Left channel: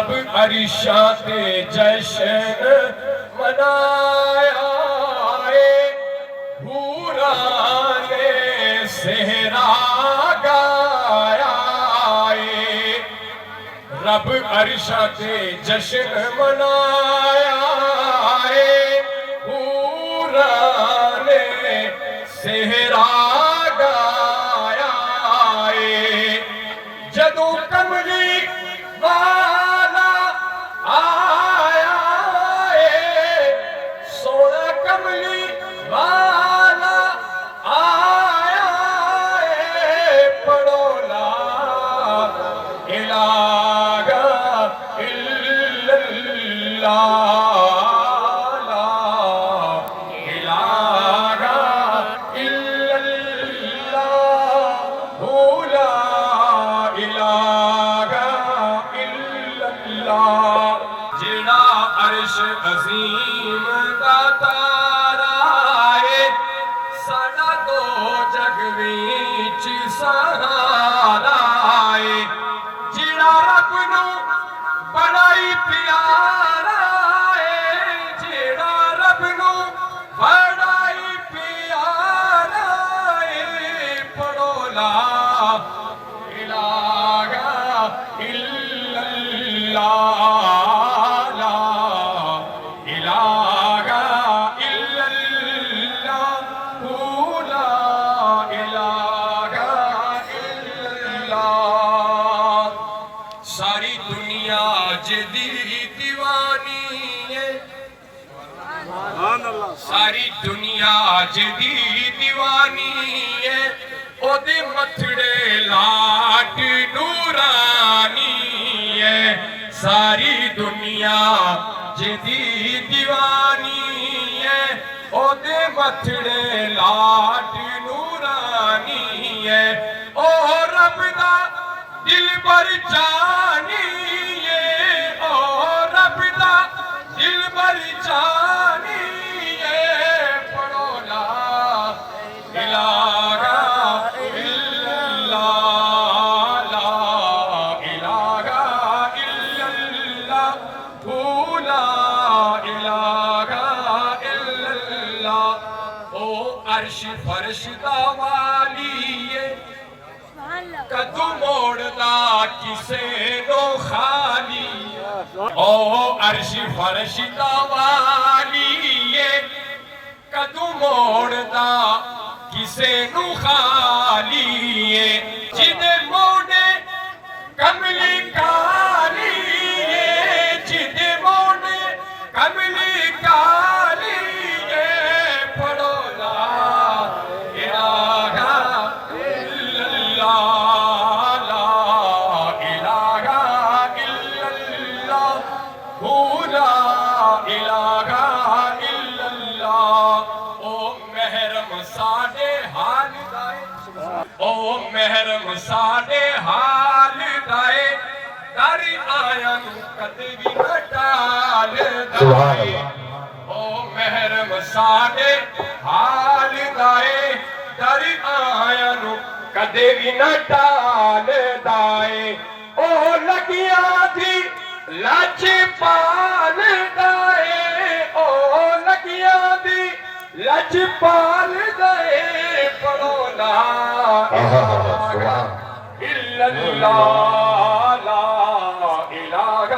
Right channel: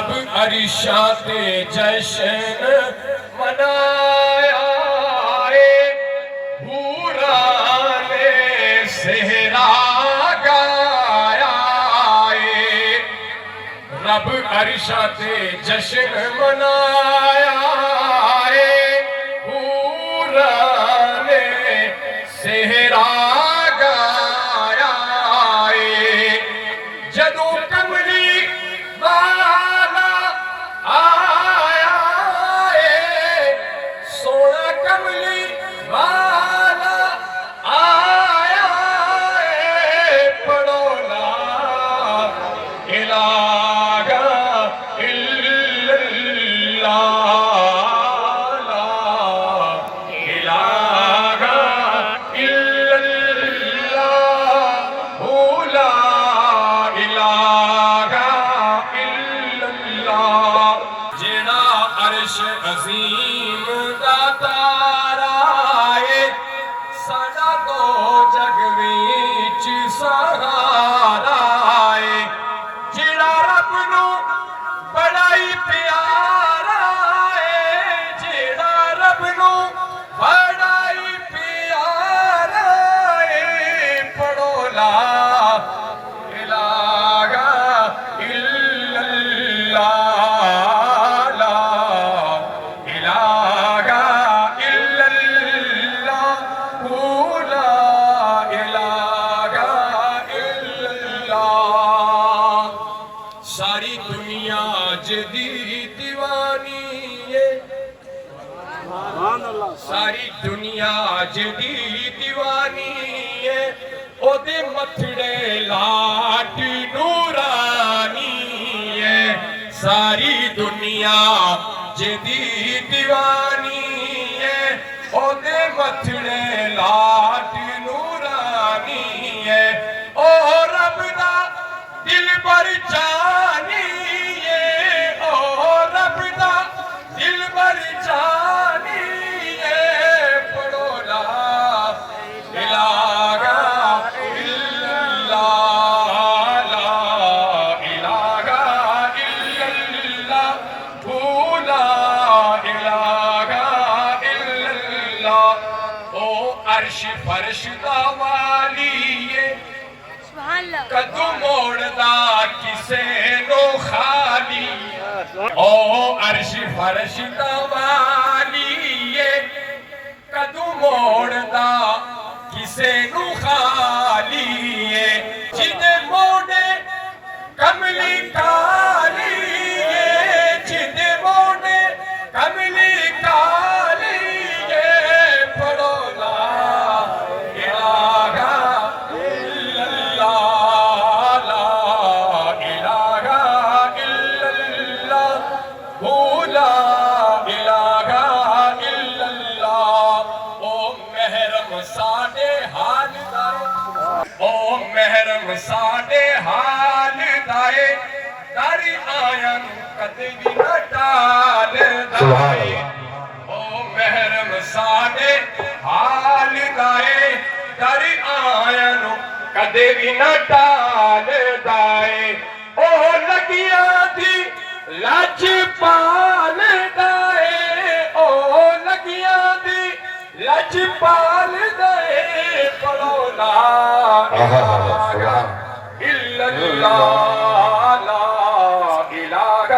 رب عرشاں تے جشن منایا ہے، حوراں نے صحرا گایا ہے۔ رب عرشاں تے جشن منایا ہے، حوراں نے صحرا گایا ہے۔ جدوں کملی والا آیا ہے، سونا کملی والا آیا ہے، پڑھو لا الہ الا اللہ، لا الہ الا اللہ، لا الہ الا اللہ۔ جڑا عرش عظیم دا تارا ہے، ساڈا تو جگ وچ سہارا ہے۔ جڑا رب نو بڑا ہی پیارا ہے، جڑا رب نو بڑا ہی پیارا ہے، پڑھو لا الہ الا اللہ، لا الہ الا اللہ، لا الہ الا اللہ۔ ساری دنیا جدی دیوانی ہے، ساری دنیا جدی دیوانی ہے، او دے متھڑے لاٹ نورانی ہے۔ ساری دنیا جدی دیوانی ہے، او دے متھڑے لاٹ نورانی ہے۔ او رب دا دل بر جانی ہے، او رب دا دل بر جانی ہے، پڑھو لا الہ الا اللہ، لا الہ الا اللہ، لا الہ الا اللہ۔ او عرش فرش دا والی ہے، کدو موڑدا کسے نو خالی، او عرش فرش دا والی ہے، کدو موڑدا کسے نو خالی ہے۔ جدے موڑے کملی کالی ہے، جدے موڑے کملی کالی ہے، پڑھو لا الہ الا اللہ، لا الہ الا اللہ، لا الہ الا اللہ۔ او محرم ساڈے حال دائے، او محرم ساڈے حال دائے، در آیاں کدے بھی نہ ٹال دائے۔ او محرم ساڈے حال دائے، در آیاں کدے بھی نہ ٹال دائے۔ او لگیاں دی لچ پال دائے، او لگیاں دی لچ پال دائے، پڑھو لا الہ الا اللہ، لا الہ